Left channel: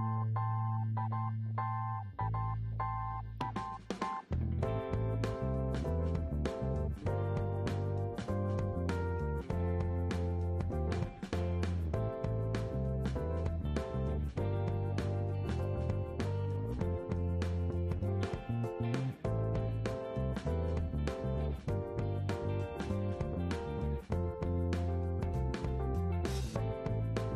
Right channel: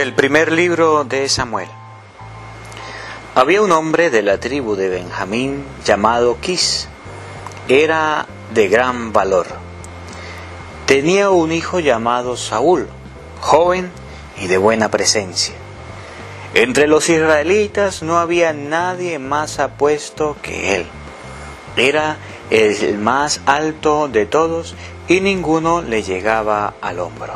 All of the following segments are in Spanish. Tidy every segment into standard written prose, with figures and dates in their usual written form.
Del primer libro de Samuel. Había un hombre de la tribu de Benjamín llamado Quis. Era de gran valor. Tenía un hijo llamado Saúl, joven y de buena presencia. Entre los israelitas no había nadie más apuesto que él. Era el más alto de todos y ninguno le llegaba al hombro.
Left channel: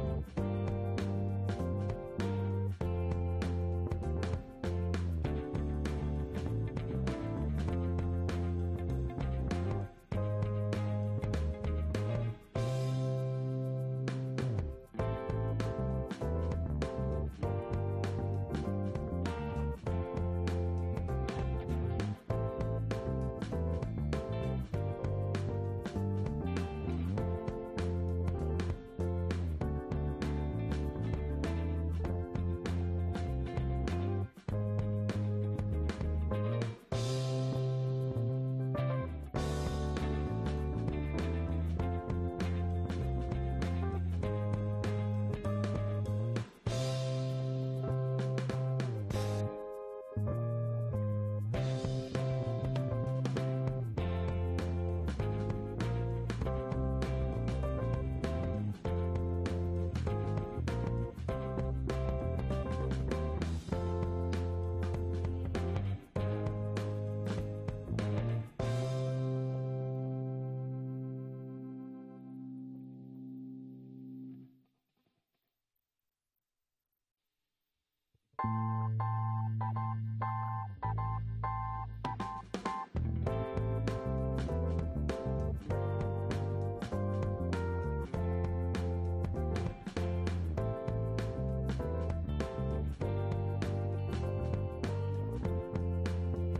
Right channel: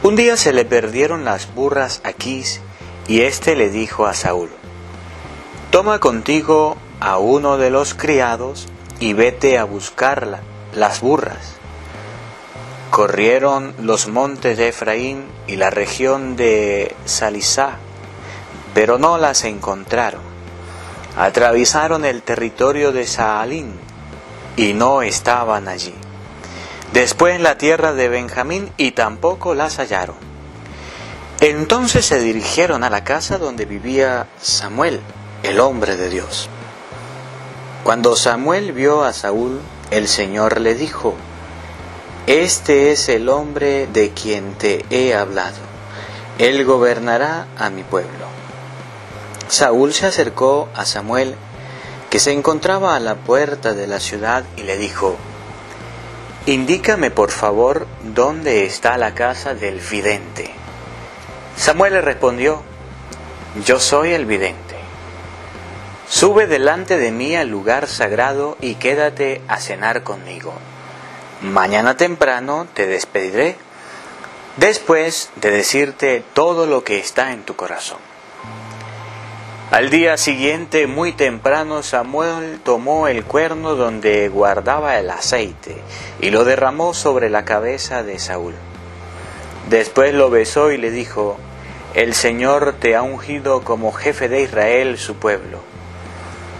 Un día se le perdieron las burras a Quis y éste le dijo a Saúl: «Toma contigo a uno de los criados y vete a buscar las burras». Corrieron los montes de Efraín y la región de Salisá, pero no las encontraron. Atravesaron el territorio de Saalín y no estaban allí. Después la tierra de Benjamín y tampoco las hallaron. Entonces se dirigieron a la casa donde vivía Samuel, el hombre de Dios. Cuando Samuel vio a Saúl, el Señor le dijo: «Este es el hombre de quien te he hablado. Él gobernará a mi pueblo». Saúl se acercó a Samuel, que se encontraba a la puerta de la ciudad, y le dijo: «Indícame por favor dónde está la casa del vidente». Samuel le respondió: «Yo soy el vidente. Sube delante de mí al lugar sagrado y quédate a cenar conmigo. Mañana temprano te despediré, después de decirte todo lo que está en tu corazón». Al día siguiente, muy temprano, Samuel tomó el cuerno donde guardaba el aceite y lo derramó sobre la cabeza de Saúl. Después lo besó y le dijo: «El Señor te ha ungido como jefe de Israel, su pueblo.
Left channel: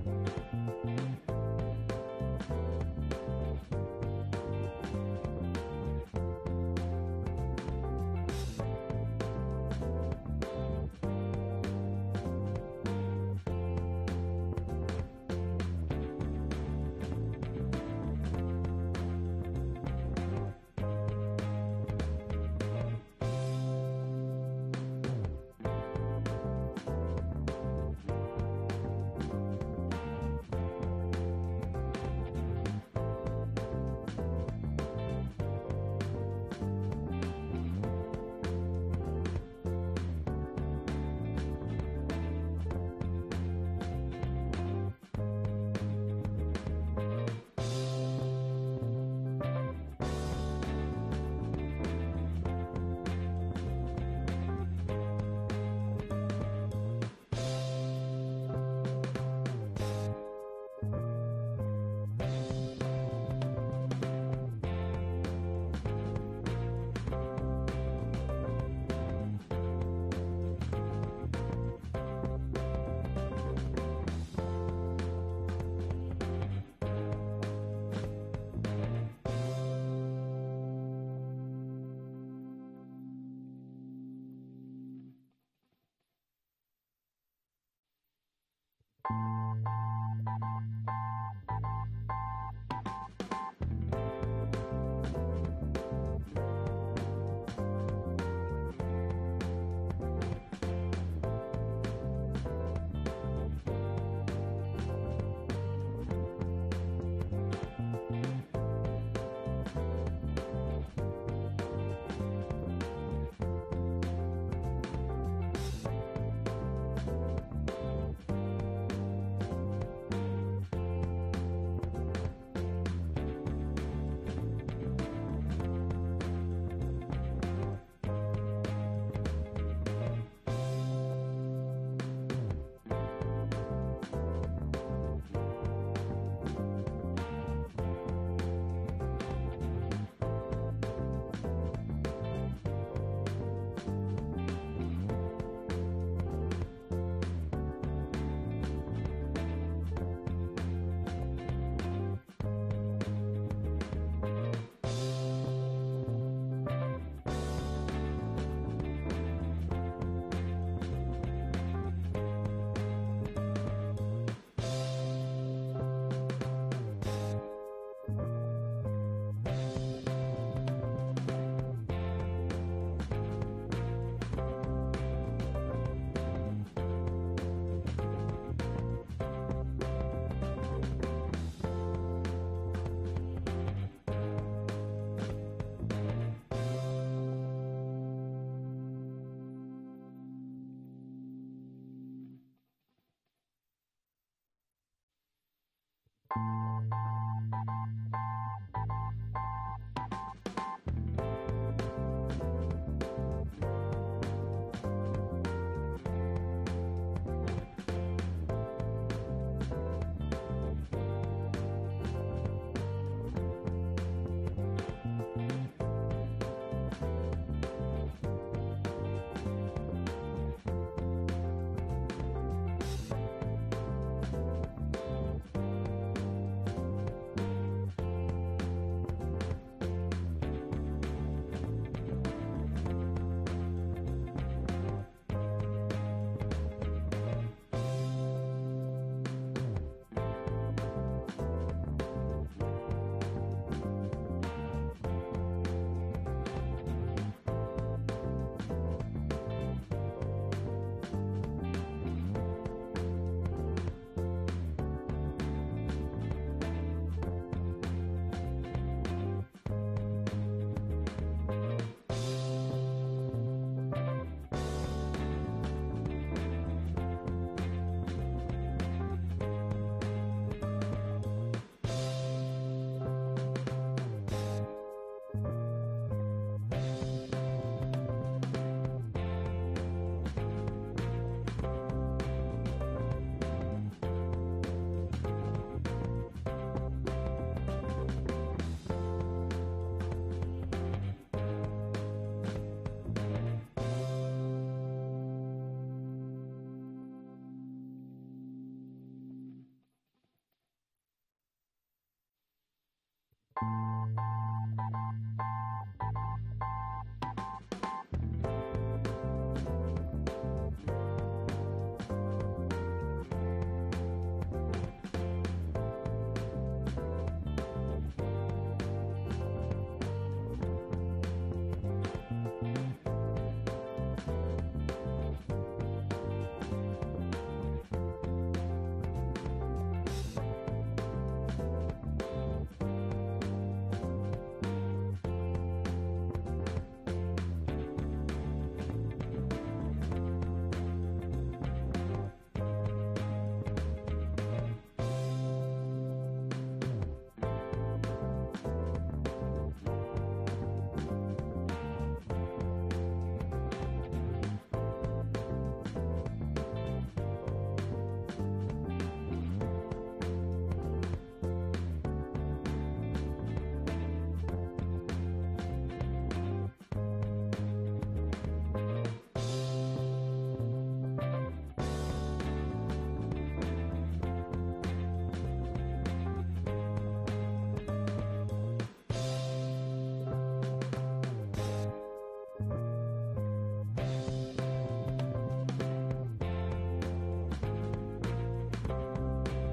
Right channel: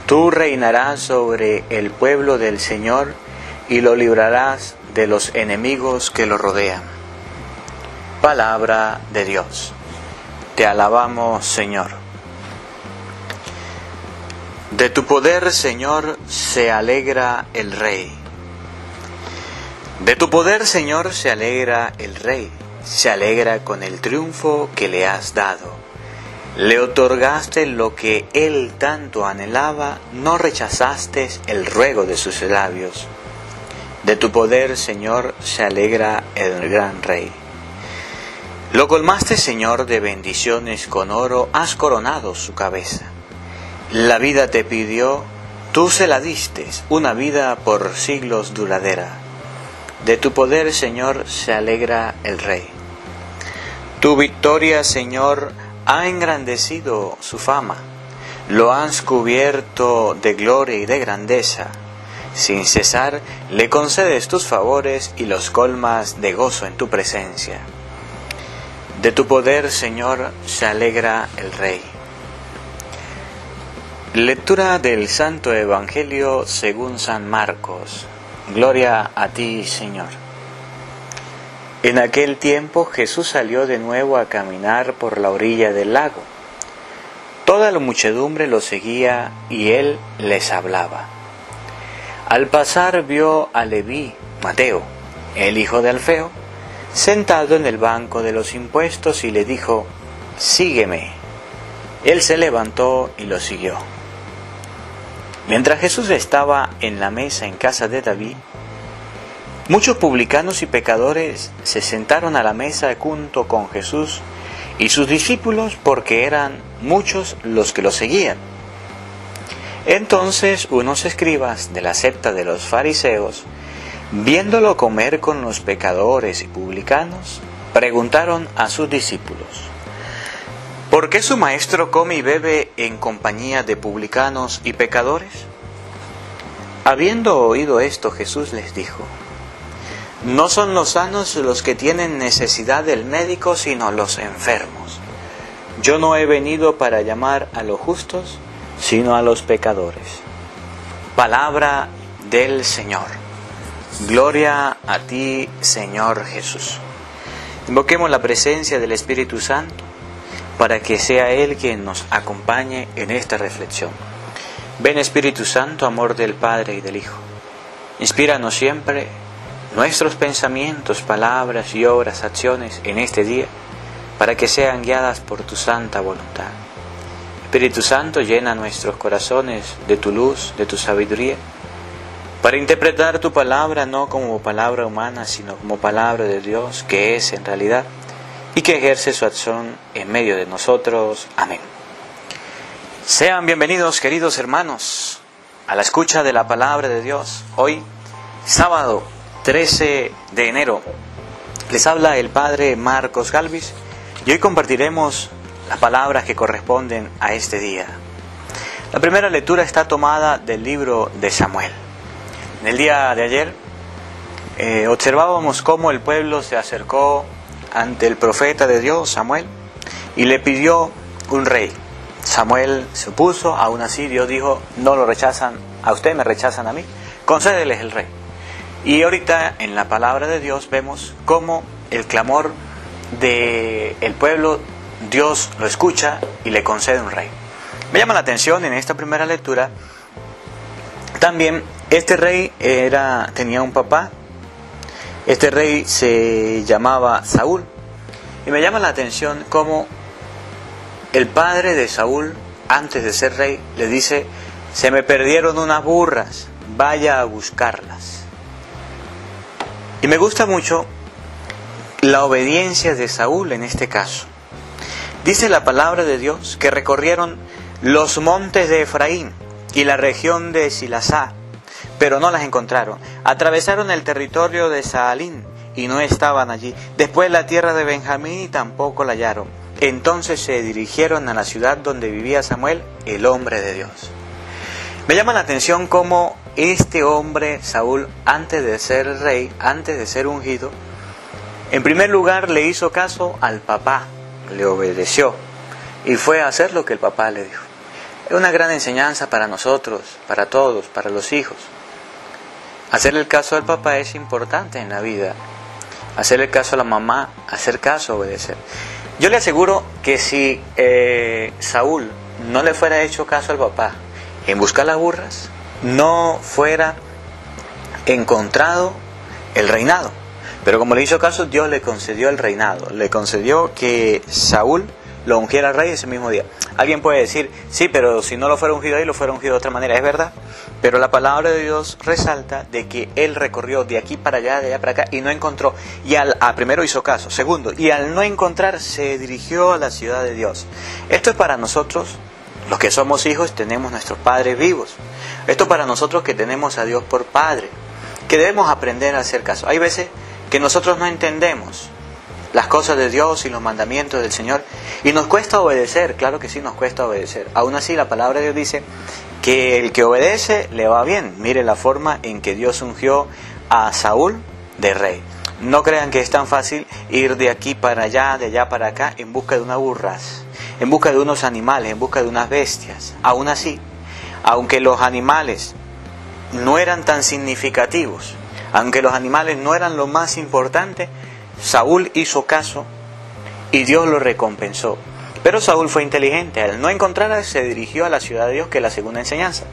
Tú reinarás sobre el pueblo del Señor y lo librarás de los enemigos que lo rodean». Palabra de Dios. Te alabamos, Señor. De tu poder, Señor, se alegra el Rey. De tu poder, Señor, se alegra el Rey. Se alegra con el triunfo que le has dado. Le otorgaste lo que él tanto anhelaba, no rechazaste el ruego de sus labios. De tu poder, Señor, se alegra el gran Rey. Lo colmaste, Señor, de bendiciones con oro, has coronado su cabeza. La vida te pidió, tú se la diste, una vida por siglos duradera. De tu poder, Señor, se alegra el Rey. Tu victoria, Señor, ha engrandecido su fama. Lo has cubierto de gloria y de grandeza. Sin cesar, le concedes tus favores y los colmas de gozo en tu presencia. De tu poder, Señor, se alegra el Rey. Lectura del Santo Evangelio según San Marcos. Gloria a ti, Señor. En aquel tiempo Jesús salió de nuevo a caminar por la orilla del lago. Toda la muchedumbre lo seguía y él les hablaba. Al pasar vio a Leví, Mateo, el hijo de Alfeo, sentado en el banco de los impuestos y le dijo: «Sígueme». Él se levantó y lo siguió. Mientras Jesús estaba en la mesa en casa de David, muchos publicanos y pecadores se sentaron a la mesa junto con Jesús y sus discípulos, porque eran muchos los que lo seguían. Entonces unos escribas de la secta de los fariseos, viéndolo comer con los pecadores y publicanos, preguntaron a sus discípulos: ¿por qué su maestro come y bebe en compañía de publicanos y pecadores? Habiendo oído esto, Jesús les dijo: no son los sanos los que tienen necesidad del médico, sino los enfermos. Yo no he venido para llamar a los justos, sino a los pecadores. Palabra del Señor. Gloria a ti, Señor Jesús. Invoquemos la presencia del Espíritu Santo para que sea Él quien nos acompañe en esta reflexión. Ven, Espíritu Santo, amor del Padre y del Hijo. Inspíranos siempre nuestros pensamientos, palabras y obras, acciones en este día, para que sean guiadas por tu santa voluntad. Espíritu Santo, llena nuestros corazones de tu luz, de tu sabiduría, para interpretar tu palabra no como palabra humana, sino como palabra de Dios, que es en realidad, y que ejerce su acción en medio de nosotros. Amén. Sean bienvenidos, queridos hermanos, a la escucha de la palabra de Dios. Hoy, sábado 13 de enero, les habla el Padre Marcos Galvis, y hoy compartiremos las palabras que corresponden a este día. La primera lectura está tomada del libro de Samuel. En el día de ayer observábamos cómo el pueblo se acercó ante el profeta de Dios, Samuel, y le pidió un rey. Samuel se opuso, aún así Dios dijo: no lo rechazan a usted, me rechazan a mí, concédeles el rey. Y ahorita en la palabra de Dios vemos cómo el clamor del pueblo, Dios lo escucha y le concede un rey. Me llama la atención en esta primera lectura también, este rey tenía un papá. Este rey se llamaba Saúl, y me llama la atención cómo el padre de Saúl, antes de ser rey, le dice: se me perdieron unas burras, vaya a buscarlas. Y me gusta mucho la obediencia de Saúl en este caso. Dice la palabra de Dios que recorrieron los montes de Efraín y la región de Silasá, pero no las encontraron. Atravesaron el territorio de Saalín y no estaban allí. Después la tierra de Benjamín y tampoco la hallaron. Entonces se dirigieron a la ciudad donde vivía Samuel, el hombre de Dios. Me llama la atención cómo este hombre, Saúl, antes de ser rey, antes de ser ungido, en primer lugar le hizo caso al papá, le obedeció y fue a hacer lo que el papá le dijo. Es una gran enseñanza para nosotros, para todos, para los hijos. Hacerle el caso al papá es importante en la vida. Hacerle el caso a la mamá, hacer caso, obedecer. Yo le aseguro que si Saúl no le fuera hecho caso al papá en buscar las burras, no fuera encontrado el reinado. Pero como le hizo caso, Dios le concedió el reinado. Le concedió que Saúl lo ungiera rey ese mismo día. Alguien puede decir: sí, pero si no lo fuera ungido ahí, lo fuera ungido de otra manera. Es verdad, pero la palabra de Dios resalta de que él recorrió de aquí para allá, de allá para acá, y no encontró. Y primero hizo caso. Segundo, y al no encontrar, se dirigió a la ciudad de Dios. Esto es para nosotros, los que somos hijos, tenemos nuestros padres vivos. Esto es para nosotros que tenemos a Dios por Padre, que debemos aprender a hacer caso. Hay veces que nosotros no entendemos las cosas de Dios y los mandamientos del Señor, y nos cuesta obedecer. Claro que sí, nos cuesta obedecer. Aún así, la palabra de Dios dice que el que obedece le va bien. Mire la forma en que Dios ungió a Saúl de rey. No crean que es tan fácil ir de aquí para allá, de allá para acá, en busca de unas burras, en busca de unos animales, en busca de unas bestias. Aún así, aunque los animales no eran tan significativos, aunque los animales no eran lo más importante, Saúl hizo caso y Dios lo recompensó. Pero Saúl fue inteligente. Al no encontrar, se dirigió a la ciudad de Dios, que es la segunda enseñanza.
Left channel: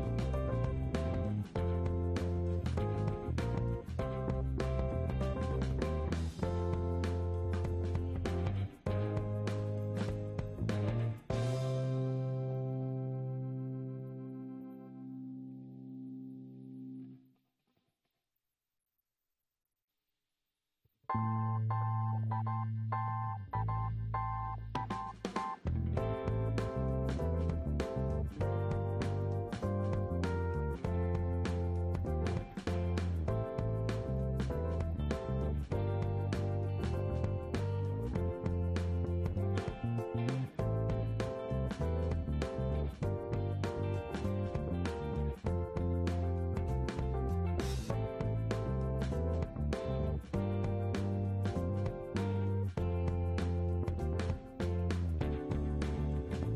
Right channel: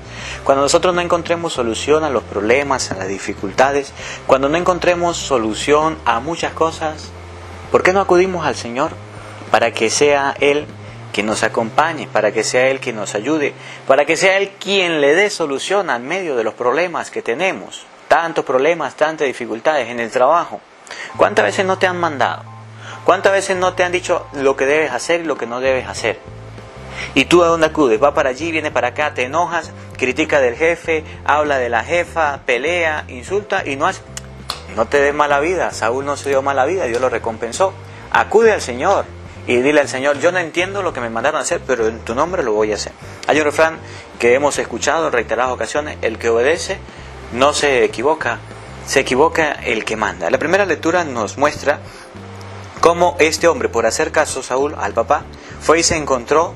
Cuando nosotros no encontremos solución a los problemas, a las dificultades, cuando no encontremos solución a muchas cosas, ¿por qué no acudimos al Señor? Para que sea Él quien nos acompañe, para que sea Él quien nos ayude, para que sea Él quien le dé solución al medio de los problemas que tenemos. Tantos problemas, tantas dificultades en el trabajo. ¿Cuántas veces no te han mandado? ¿Cuántas veces no te han dicho lo que debes hacer y lo que no debes hacer? ¿Y tú a dónde acudes? Va para allí, viene para acá, te enojas, critica del jefe, habla de la jefa, pelea, insulta y no hace. No te des mala vida. Saúl no se dio mala vida, Dios lo recompensó. Acude al Señor y dile al Señor: yo no entiendo lo que me mandaron a hacer, pero en tu nombre lo voy a hacer. Hay un refrán que hemos escuchado en reiteradas ocasiones: el que obedece no se equivoca el que manda. La primera lectura nos muestra cómo este hombre, por hacer caso, Saúl, al papá, fue y se encontró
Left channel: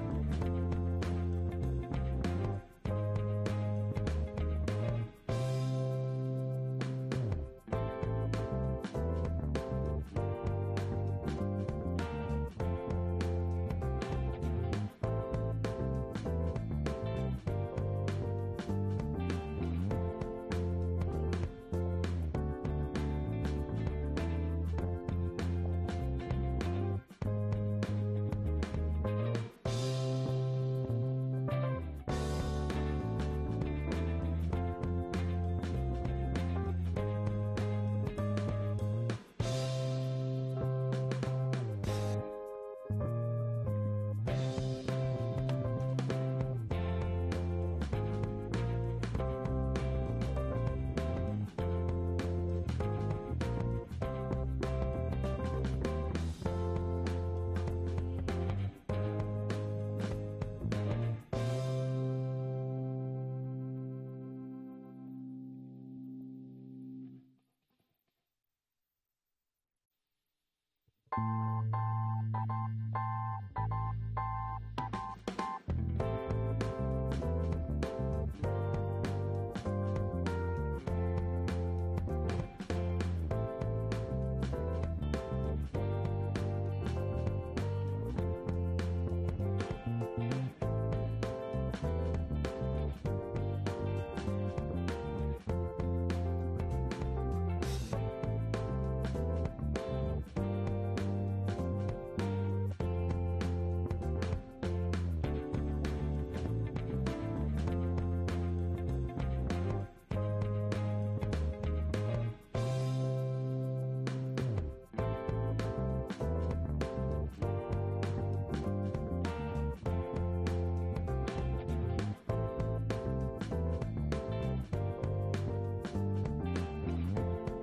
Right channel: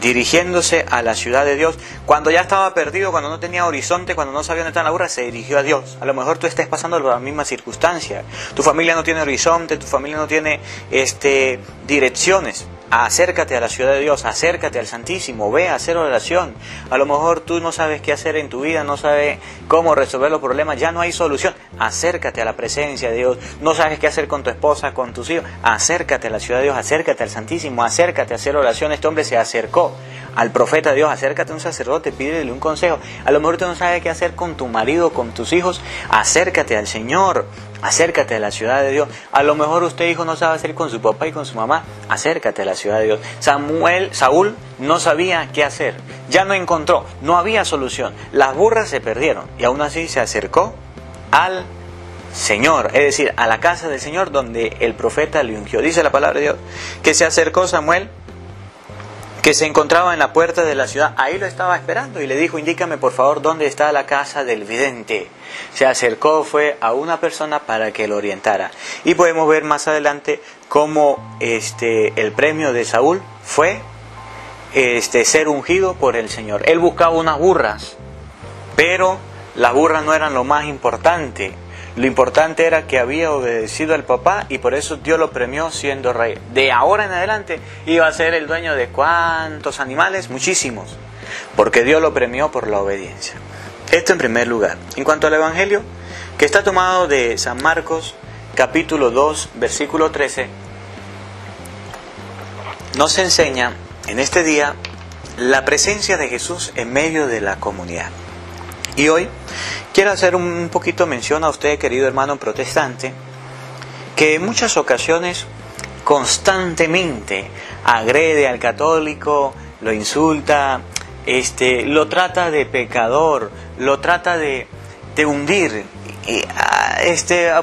dirigiéndose a la ciudad de Dios. Cuando ya estaba perdido, cuando no tenía horizonte, cuando no sabía dónde estaba la burra, se dirigió a Dios. A lo mejor tú estés pasando por la misma circunstancia. Tu familia no tiene horizonte, tu familia no tiene direcciones. acércate a la ciudad de Dios, acércate al Santísimo, ve a hacer oración. A lo mejor tú no sabes qué hacer en tu vida, no sabes cómo resolver los problemas, ya no hay solución. Acércate a la presencia de Dios. No sabes qué hacer con tu esposa, con tus hijos. Acércate a la ciudad de Dios, acércate al Santísimo, acércate a hacer oración. Este hombre se acercó al profeta de Dios, acércate a un sacerdote, pídele un consejo. A lo mejor tú no sabes qué hacer con tu marido, con tus hijos, acércate al Señor, acércate a la ciudad de Dios. A lo mejor usted, hijo, no sabe hacer con su papá y con su mamá, acércate a la ciudad de Dios. Saúl no sabía qué hacer, ya no encontró, no había solución, las burras se perdieron y aún así se acercó al Señor, es decir, a la casa del Señor donde el profeta le ungió. Dice la palabra de Dios que se acercó Samuel, que se encontraba en la puerta de la ciudad. Ahí lo estaba esperando y le dijo: indícame por favor dónde está la casa del vidente. Se acercó, fue a una persona para que lo orientara. Y podemos ver más adelante cómo el premio de Saúl fue ser ungido por el Señor. Él buscaba unas burras, pero las burras no eran lo más importante. Lo importante era que había obedecido al papá y por eso Dios lo premió siendo rey. De ahora en adelante iba a ser el dueño de ¿cuántos animales? Muchísimos. Porque Dios lo premió por la obediencia. Esto en primer lugar. En cuanto al Evangelio, que está tomado de San Marcos, capítulo 2, versículo 13, nos enseña en este día la presencia de Jesús en medio de la comunidad. Y hoy quiero hacer un poquito mención a usted, querido hermano protestante, que en muchas ocasiones constantemente agrede al católico, lo insulta, lo trata de pecador, lo trata de hundir.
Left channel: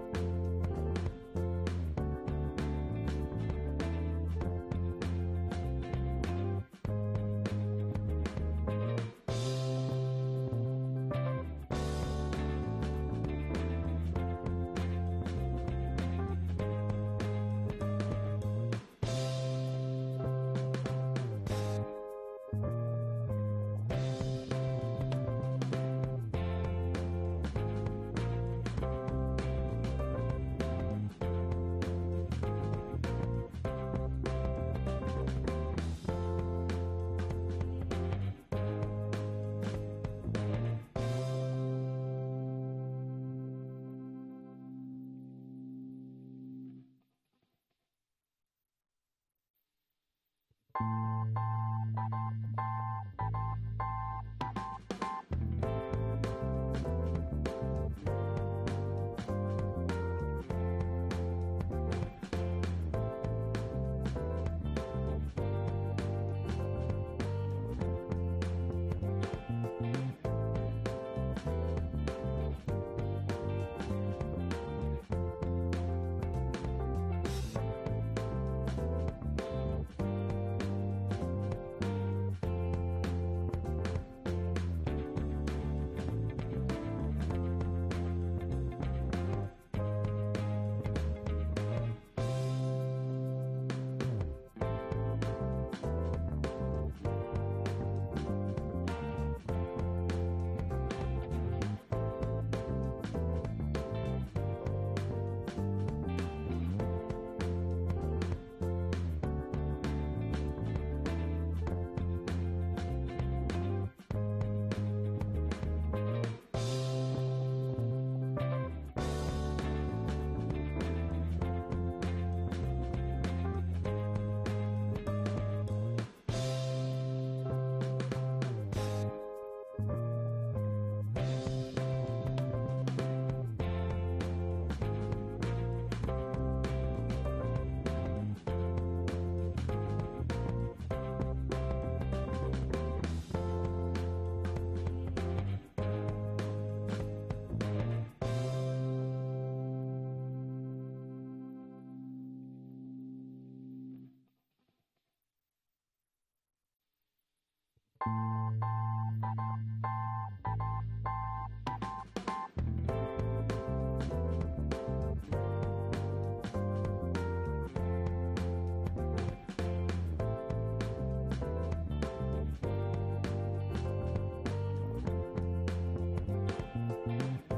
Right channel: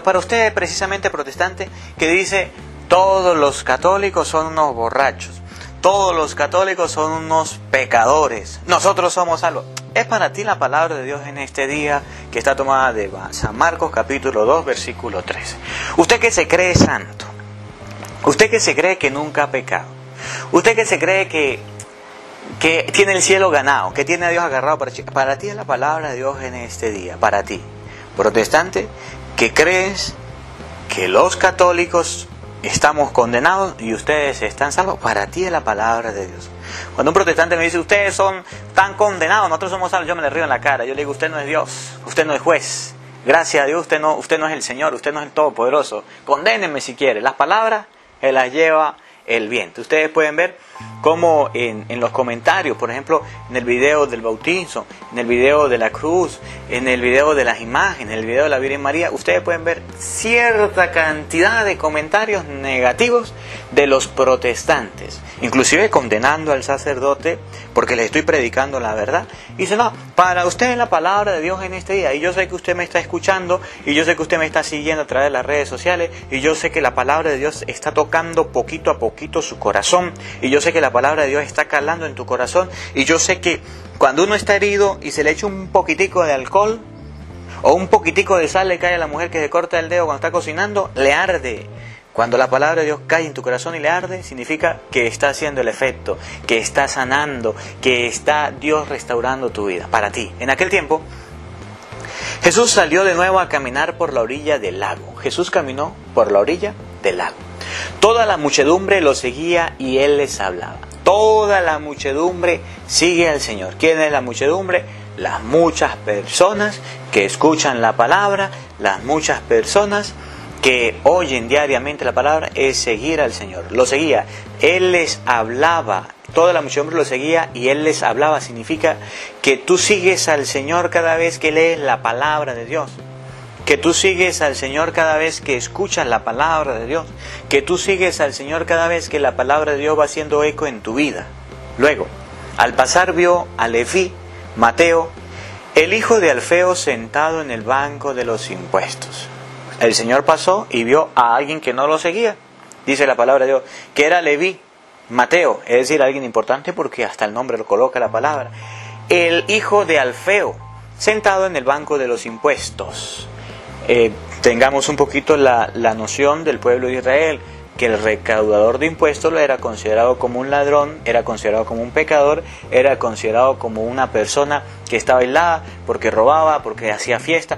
Para usted precisamente protestante, que dice: todos los católicos son unos borrachos, todos los católicos son unos pecadores, nosotros somos salvos. Es para ti la palabra de Dios en este día, que está tomada de San Marcos capítulo 2 versículo 13. Usted que se cree santo, usted que se cree que nunca ha pecado, usted que se cree que tiene el cielo ganado, que tiene a Dios agarrado, para ti es la palabra de Dios en este día. Para ti, protestante, que crees que los católicos estamos condenados y ustedes están salvos, para ti es la palabra de Dios. Cuando un protestante me dice: ustedes están condenados, nosotros somos salvos, yo me le río en la cara. Yo le digo: usted no es Dios, usted no es juez. Gracias a Dios, usted no es el Señor, usted no es el Todopoderoso. Condénenme si quiere. Las palabras las lleva el viento. Ustedes pueden ver cómo en los comentarios, por ejemplo, en el video del bautizo, en el video de la cruz, en el video de las imágenes, en el video de la Virgen María, ustedes pueden ver cierta cantidad de comentarios negativos de los protestantes, inclusive condenando al sacerdote porque les estoy predicando la verdad. Y dice: no, para usted es la palabra de Dios en este día, y yo sé que usted me está escuchando, y yo sé que usted me está siguiendo a través de las redes sociales, y yo sé que la palabra de Dios está tocando poquito a poquito su corazón, y yo sé que la palabra de Dios está calando en tu corazón, y yo sé que cuando uno está herido y se le echa un poquitico de alcohol o un poquitico de sal, le cae a la mujer que se corta el dedo cuando está cocinando, le arde. Cuando la palabra de Dios cae en tu corazón y le arde, significa que está haciendo el efecto, que está sanando, que está Dios restaurando tu vida para ti. En aquel tiempo, Jesús salió de nuevo a caminar por la orilla del lago. Jesús caminó por la orilla del lago. Toda la muchedumbre lo seguía y él les hablaba. Toda la muchedumbre sigue al Señor. ¿Quién es la muchedumbre? Las muchas personas que escuchan la palabra, las muchas personas que oyen diariamente la palabra, es seguir al Señor. Lo seguía, Él les hablaba, toda la muchedumbre lo seguía y Él les hablaba. Significa que tú sigues al Señor cada vez que lees la palabra de Dios, que tú sigues al Señor cada vez que escuchas la palabra de Dios, que tú sigues al Señor cada vez que la palabra de Dios va haciendo eco en tu vida. Luego, al pasar vio a Leví, Mateo, el hijo de Alfeo, sentado en el banco de los impuestos. El Señor pasó y vio a alguien que no lo seguía. Dice la palabra de Dios que era Leví, Mateo, es decir, alguien importante porque hasta el nombre lo coloca la palabra. El hijo de Alfeo, sentado en el banco de los impuestos. Tengamos un poquito la noción del pueblo de Israel, que el recaudador de impuestos era considerado como un ladrón, era considerado como un pecador, era considerado como una persona que estaba aislada porque robaba, porque hacía fiesta.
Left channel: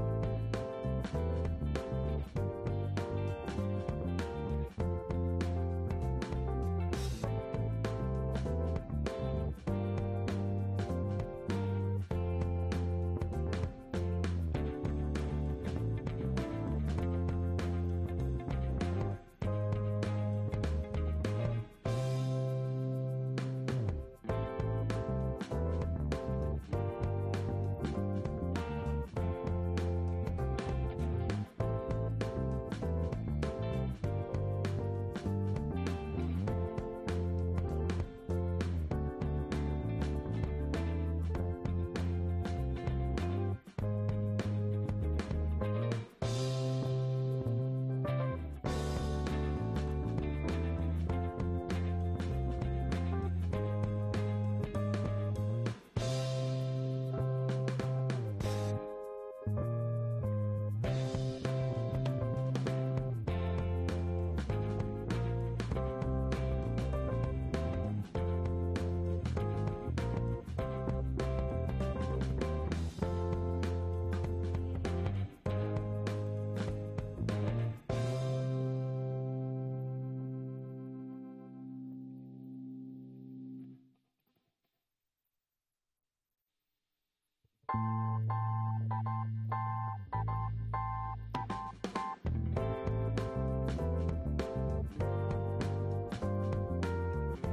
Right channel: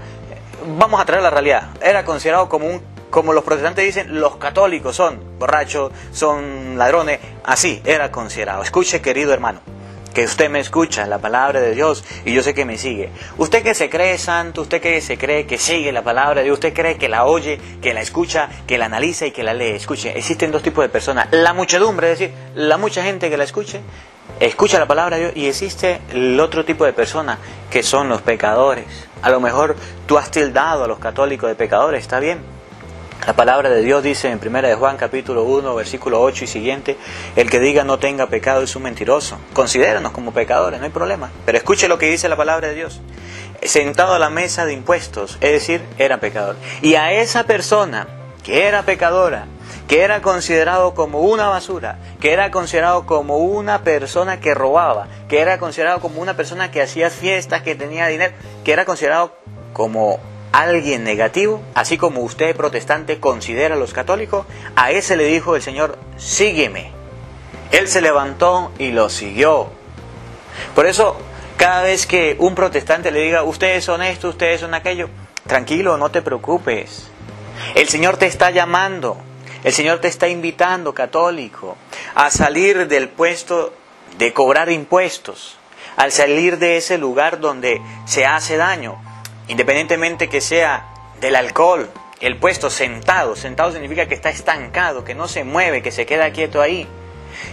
Vamos a traer la realidad, era considerado como un como los protestantes dicen, los católicos son borrachos, son ladrones, así era considerado. Escuche, querido hermano, que usted me escucha la palabra de Dios y yo sé que me sigue. Usted que se cree santo, usted que se cree que sigue la palabra de Dios, usted cree que la oye, que la escucha, que la analiza y que la lee. Escuche, existen dos tipos de personas. La muchedumbre, es decir, la mucha gente que la escucha la palabra de Dios, y existe el otro tipo de personas que son los pecadores. A lo mejor tú has tildado a los católicos de pecadores, está bien. La palabra de Dios dice en 1 de Juan capítulo 1, versículo 8 y siguiente: el que diga no tenga pecado es un mentiroso. Considéranos como pecadores, no hay problema. Pero escuche lo que dice la palabra de Dios. Sentado a la mesa de impuestos, es decir, era pecador. Y a esa persona que era pecadora, que era considerado como una basura, que era considerado como una persona que robaba, que era considerado como una persona que hacía fiestas, que tenía dinero, que era considerado como alguien negativo, así como usted protestante considera a los católicos, a ese le dijo el Señor: sígueme. Él se levantó y lo siguió. Por eso, cada vez que un protestante le diga: ustedes son esto, ustedes son aquello, tranquilo, no te preocupes. El Señor te está llamando, el Señor te está invitando, católico, a salir del puesto de cobrar impuestos, al salir de ese lugar donde se hace daño. Independientemente que sea del alcohol, el puesto sentado significa que está estancado, que no se mueve, que se queda quieto ahí,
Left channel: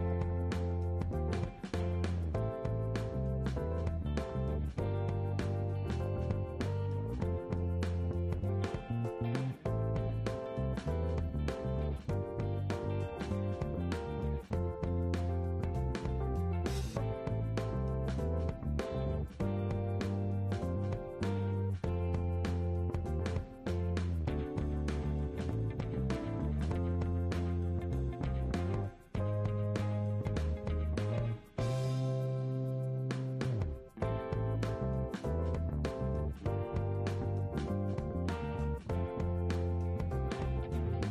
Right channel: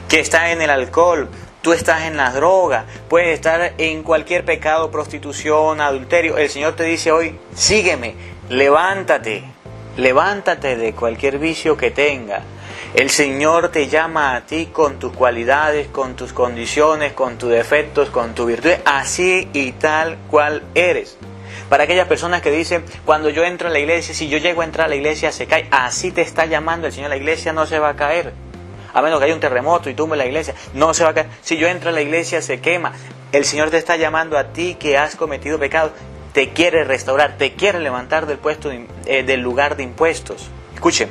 que está en el alcohol, tú estás en la droga, puedes estar en cualquier pecado, prostitución, adulterio. El Señor te dice hoy: sígueme, levántate de cualquier vicio que tenga. El Señor te llama a ti con tus cualidades, con tus condiciones, con tus defectos, con tu virtud, así y tal cual eres. Para aquellas personas que dicen: cuando yo entro a la iglesia, si yo llego a entrar a la iglesia se cae, así te está llamando el Señor. La iglesia no se va a caer, a menos que haya un terremoto y tumbe la iglesia, no se va a caer. Si yo entro a la iglesia se quema. El Señor te está llamando a ti que has cometido pecado, te quiere restaurar, te quiere levantar del puesto del lugar de impuestos. Escuchen,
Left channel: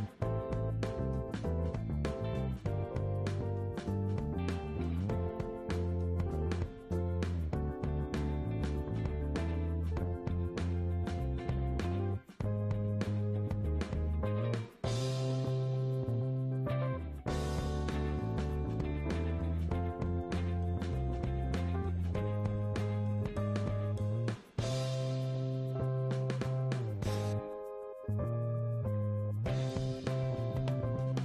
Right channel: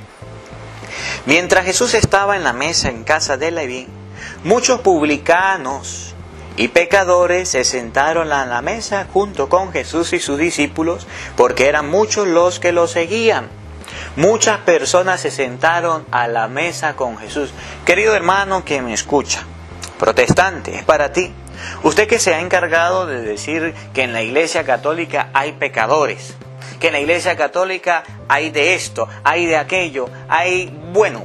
mientras Jesús estaba en la mesa en casa de Leví, muchos publicanos y pecadores se sentaron a la mesa junto con Jesús y sus discípulos, porque eran muchos los que lo seguían. Muchas personas se sentaron a la mesa con Jesús. Querido hermano que me escucha, protestante, es para ti. Usted que se ha encargado de decir que en la Iglesia Católica hay pecadores, que en la Iglesia Católica hay de esto, hay de aquello, hay,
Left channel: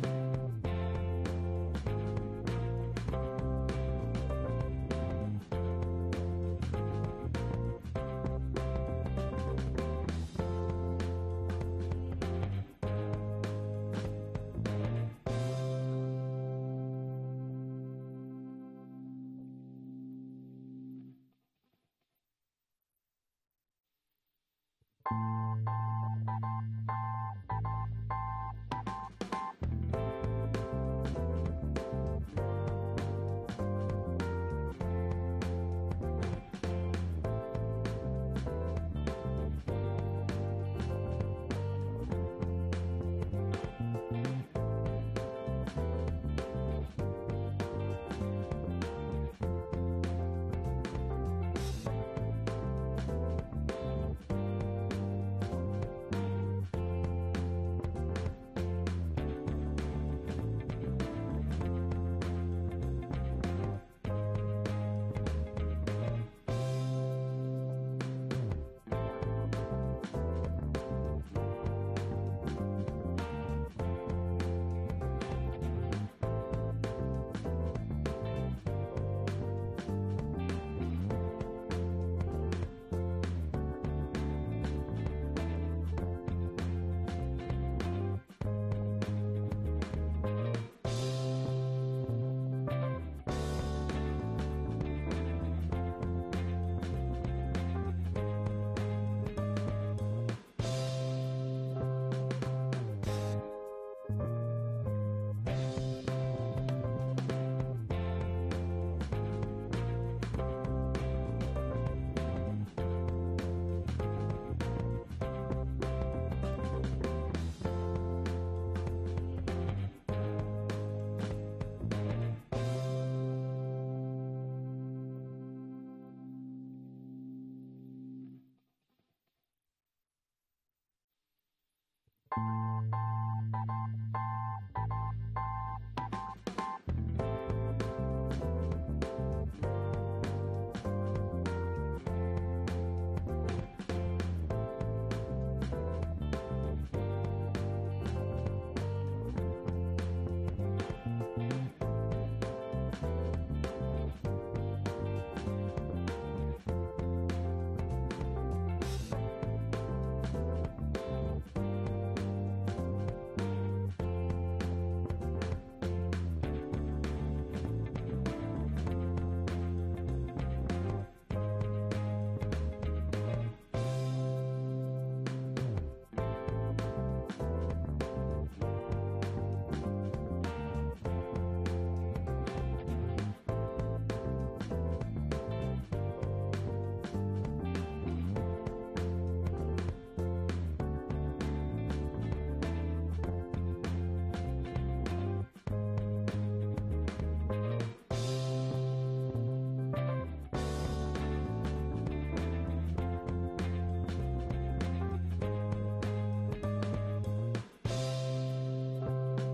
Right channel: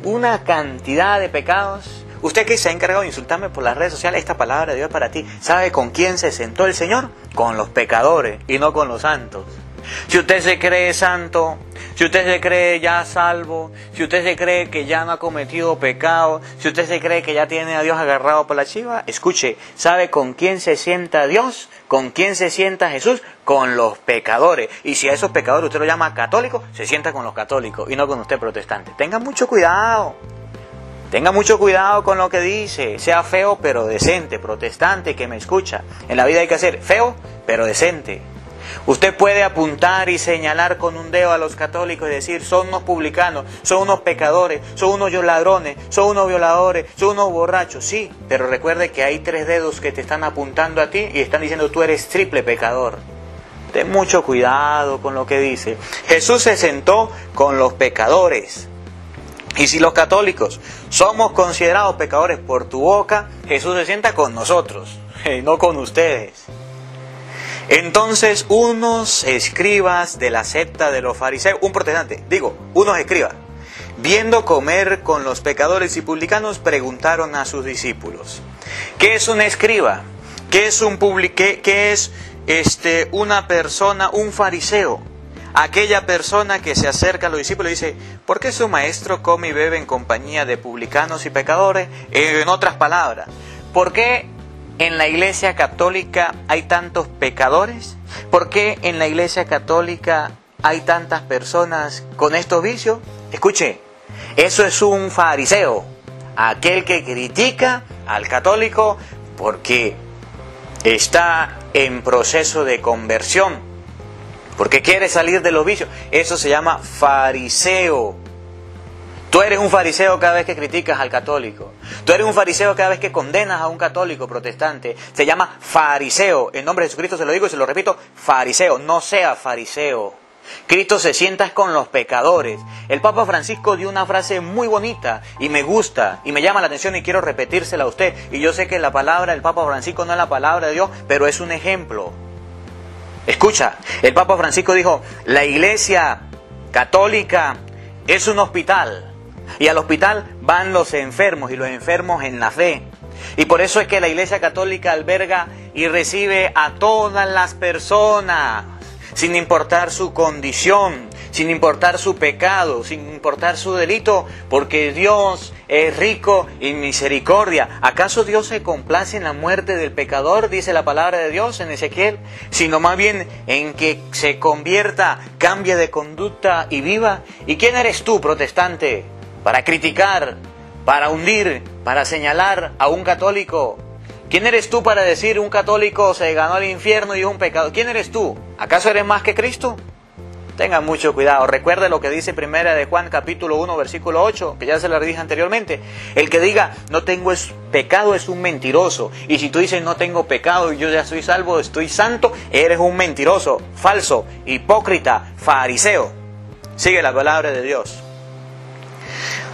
una cantidad de pecados. Usted que se ha encargado de insultarme por las redes sociales, esta palabra de Dios es para ti. ¿Sabe con quién se sentó el Señor? Con los pecadores y no con los santos. Si usted se cree santo, si usted se cree ya salvo, si usted se cree que ya no ha cometido pecado, si usted se cree que ya tiene a Dios agarrado por la chiva, escuche, ¿sabe con quién se sienta Dios? ¿Con quién se sienta Jesús? Con los pecadores. Y si a esos pecadores usted lo llama católicos, se sienta con los católicos y no con usted protestante. Tenga mucho cuidado. Tenga mucho cuidado con lo que dice. Sea feo pero decente, protestante que me escucha. En la vida hay que ser feo pero decente. Usted puede apuntar y señalar con un dedo a los católicos y decir: son unos publicanos, son unos pecadores, son unos ladrones, son unos violadores, son unos borrachos. Sí, pero recuerde que hay 3 dedos que te están apuntando a ti y están diciendo: tú eres triple pecador. Ten mucho cuidado con lo que dice. Jesús se sentó con los pecadores. Y si los católicos somos considerados pecadores por tu boca, Jesús se sienta con nosotros, no con ustedes. Entonces unos escribas de la secta de los fariseos, unos escribas, viendo comer con los pecadores y publicanos, preguntaron a sus discípulos: ¿qué es un escriba? ¿Qué es una persona, un fariseo? Aquella persona que se acerca a los discípulos y dice: ¿por qué su maestro come y bebe en compañía de publicanos y pecadores? En otras palabras, ¿por qué en la Iglesia Católica hay tantos pecadores? ¿Por qué en la Iglesia Católica hay tantas personas con estos vicios? Escuche, eso es un fariseo, aquel que critica al católico porque está en proceso de conversión, porque quiere salir de los vicios. Eso se llama fariseo. Tú eres un fariseo cada vez que criticas al católico. Tú eres un fariseo cada vez que condenas a un católico protestante. Se llama fariseo. En nombre de Jesucristo se lo digo y se lo repito: fariseo. No sea fariseo. Cristo se sienta con los pecadores. El Papa Francisco dio una frase muy bonita y me gusta y me llama la atención y quiero repetírsela a usted. Y yo sé que la palabra del Papa Francisco no es la palabra de Dios, pero es un ejemplo. Escucha, el Papa Francisco dijo, la Iglesia Católica es un hospital y al hospital van los enfermos y los enfermos en la fe. Y por eso es que la Iglesia Católica alberga y recibe a todas las personas, sin importar su condición, sin importar su pecado, sin importar su delito, porque Dios es rico en misericordia. ¿Acaso Dios se complace en la muerte del pecador, dice la palabra de Dios en Ezequiel? Sino más bien en que se convierta, cambie de conducta y viva. ¿Y quién eres tú, protestante, para criticar, para hundir, para señalar a un católico? ¿Quién eres tú para decir un católico se ganó el infierno y es un pecado? ¿Quién eres tú? ¿Acaso eres más que Cristo? Tengan mucho cuidado. Recuerde lo que dice Primera de Juan capítulo 1 versículo 8, que ya se lo dije anteriormente. El que diga no tengo pecado es un mentiroso. Y si tú dices no tengo pecado y yo ya soy salvo, estoy santo, eres un mentiroso, falso, hipócrita, fariseo. Sigue la palabra de Dios.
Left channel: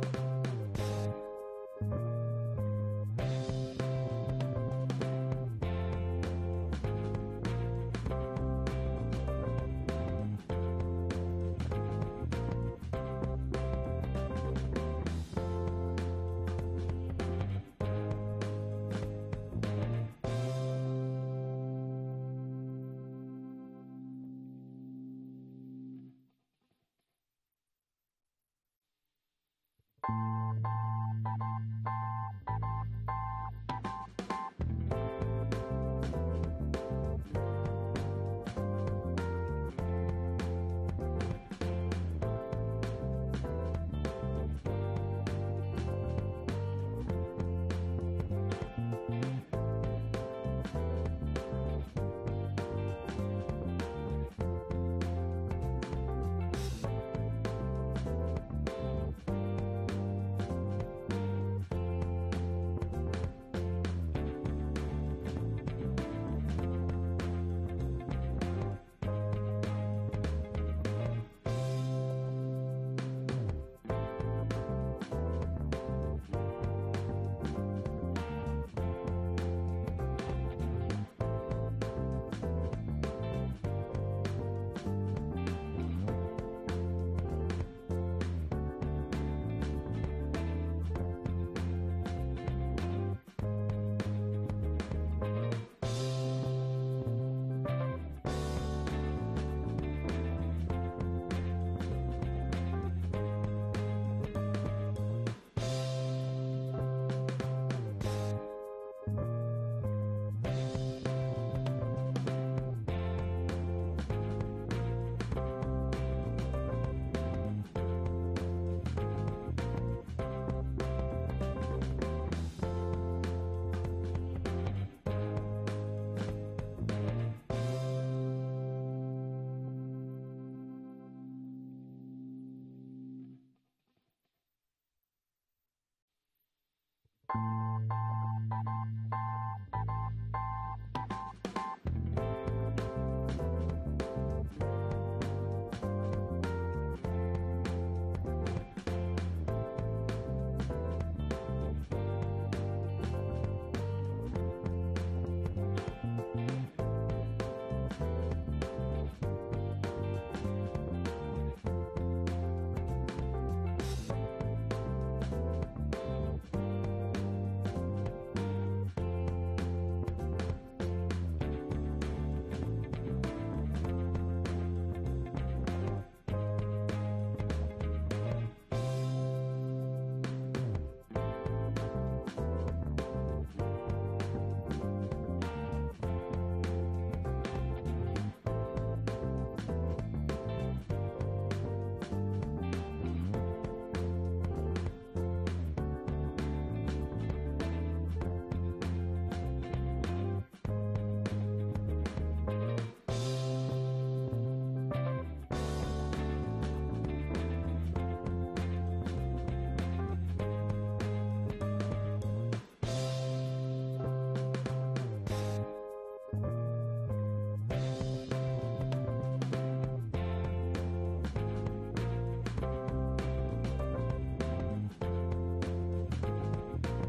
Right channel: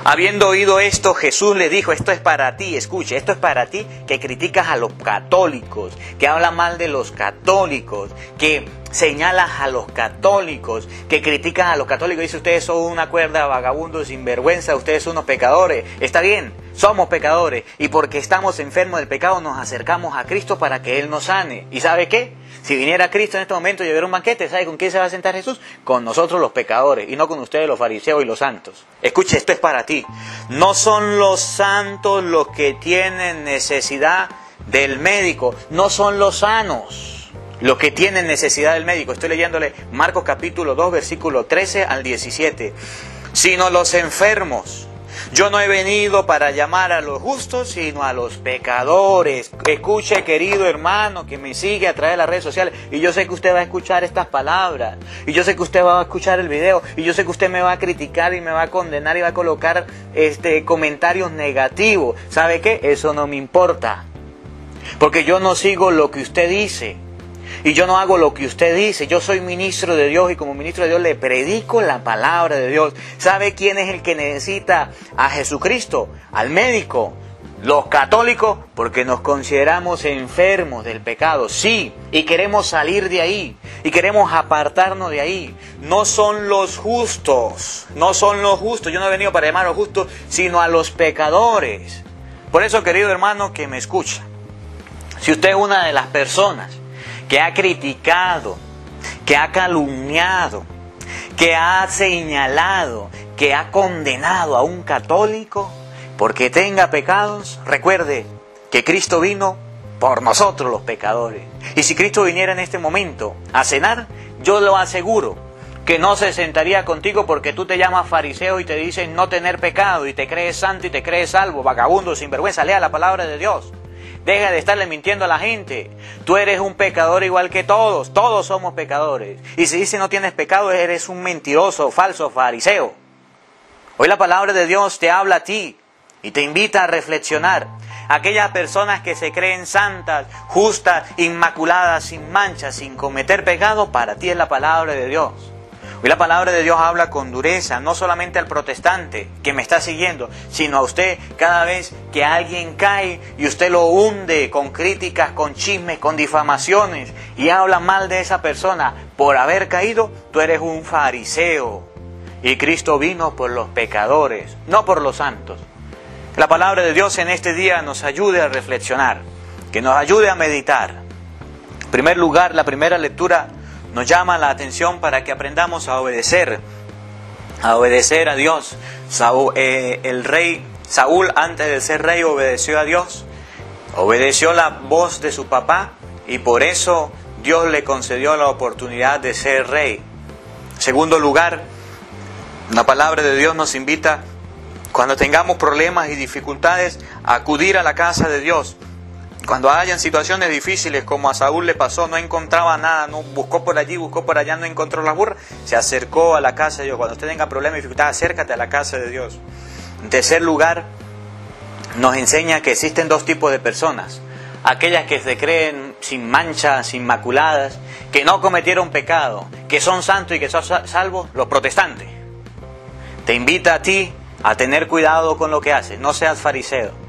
Habiendo oído esto, Jesús le dijo, esto es para ti, escuche, esto es para ti que criticas a los católicos, que hablas mal de los católicos, que señalas a los católicos, que criticas a los católicos, dice ustedes son una cuerda de vagabundos sinvergüenza, ustedes son unos pecadores. Está bien, somos pecadores y porque estamos enfermos del pecado nos acercamos a Cristo para que Él nos sane. ¿Y sabe qué? Si viniera Cristo en este momento y hubiera un banquete, ¿sabe con quién se va a sentar Jesús? Con nosotros los pecadores y no con ustedes los fariseos y los santos. Escuche, esto es para ti. No son los santos los que tienen necesidad del médico, no son los sanos los que tienen necesidad del médico. Estoy leyéndole Marcos capítulo 2, versículo 13 al 17. Sino los enfermos. Yo no he venido para llamar a los justos, sino a los pecadores. Escuche, querido hermano, que me sigue a través de las redes sociales. Y yo sé que usted va a escuchar estas palabras. Y yo sé que usted va a escuchar el video. Y yo sé que usted me va a criticar y me va a condenar y va a colocar comentarios negativos. ¿Sabe qué? Eso no me importa. Porque yo no sigo lo que usted dice. Y yo no hago lo que usted dice. Yo soy ministro de Dios y como ministro de Dios le predico la palabra de Dios. ¿Sabe quién es el que necesita a Jesucristo? Al médico. Los católicos, porque nos consideramos enfermos del pecado. Sí, y queremos salir de ahí. Y queremos apartarnos de ahí. No son los justos. No son los justos. Yo no he venido para llamar a los justos, sino a los pecadores. Por eso, querido hermano, que me escucha. Si usted es una de las personas que ha criticado, que ha calumniado, que ha señalado, que ha condenado a un católico porque tenga pecados, recuerde que Cristo vino por nosotros los pecadores. Y si Cristo viniera en este momento a cenar, yo lo aseguro que no se sentaría contigo porque tú te llamas fariseo y te dicen no tener pecado y te crees santo y te crees salvo, vagabundo, sinvergüenza. Lea la palabra de Dios. Deja de estarle mintiendo a la gente. Tú eres un pecador igual que todos. Todos somos pecadores. Y si dice no tienes pecado, eres un mentiroso, falso, fariseo. Hoy la palabra de Dios te habla a ti y te invita a reflexionar. Aquellas personas que se creen santas, justas, inmaculadas, sin mancha, sin cometer pecado, para ti es la palabra de Dios. Hoy la palabra de Dios habla con dureza, no solamente al protestante que me está siguiendo, sino a usted cada vez que alguien cae y usted lo hunde con críticas, con chismes, con difamaciones y habla mal de esa persona por haber caído, tú eres un fariseo. Y Cristo vino por los pecadores, no por los santos. La palabra de Dios en este día nos ayude a reflexionar, que nos ayude a meditar. En primer lugar, la primera lectura nos llama la atención para que aprendamos a obedecer a Dios. El rey Saúl, antes de ser rey, obedeció a Dios, obedeció la voz de su papá y por eso Dios le concedió la oportunidad de ser rey. En segundo lugar, la palabra de Dios nos invita, cuando tengamos problemas y dificultades, a acudir a la casa de Dios. Cuando hayan situaciones difíciles, como a Saúl le pasó, no encontraba nada, no buscó por allí, buscó por allá, no encontró la burra, se acercó a la casa de Dios. Cuando usted tenga problemas y dificultades, acércate a la casa de Dios. En tercer lugar, nos enseña que existen dos tipos de personas. Aquellas que se creen sin manchas, inmaculadas, que no cometieron pecado, que son santos y que son salvos, los protestantes. Te invita a ti a tener cuidado con lo que haces, no seas fariseo.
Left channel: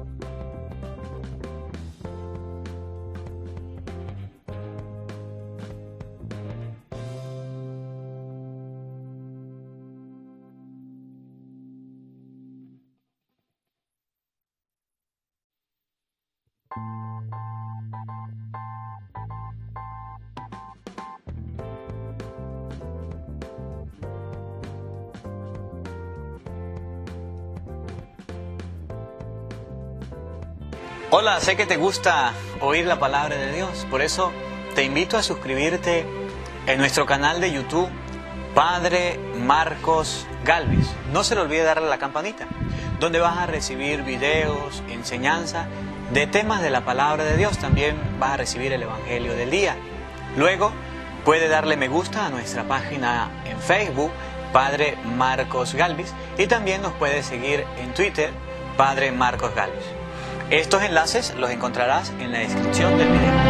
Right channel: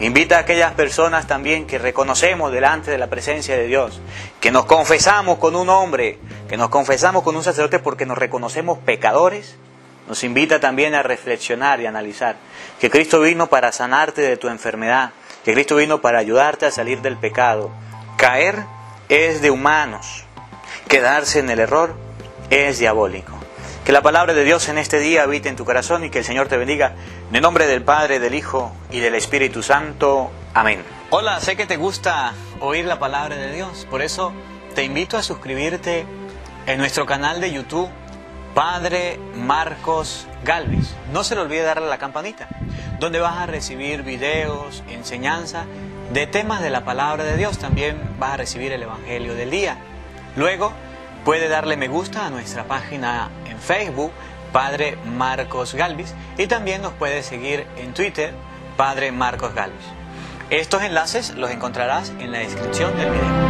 Invita a aquellas personas también que reconocemos delante de la presencia de Dios, que nos confesamos con un hombre, que nos confesamos con un sacerdote porque nos reconocemos pecadores. Nos invita también a reflexionar y analizar que Cristo vino para sanarte de tu enfermedad, que Cristo vino para ayudarte a salir del pecado. Caer es de humanos, quedarse en el error es diabólico. Que la palabra de Dios en este día habite en tu corazón y que el Señor te bendiga. En el nombre del Padre, del Hijo y del Espíritu Santo. Amén. Hola, sé que te gusta oír la palabra de Dios, por eso te invito a suscribirte en nuestro canal de YouTube, Padre Marcos Galvis. No se le olvide darle a la campanita, donde vas a recibir videos, enseñanza de temas de la palabra de Dios. También vas a recibir el Evangelio del día. Luego, puede darle me gusta a nuestra página en Facebook, Padre Marcos Galvis, y también nos puede seguir en Twitter, Padre Marcos Galvis. Estos enlaces los encontrarás en la descripción del video.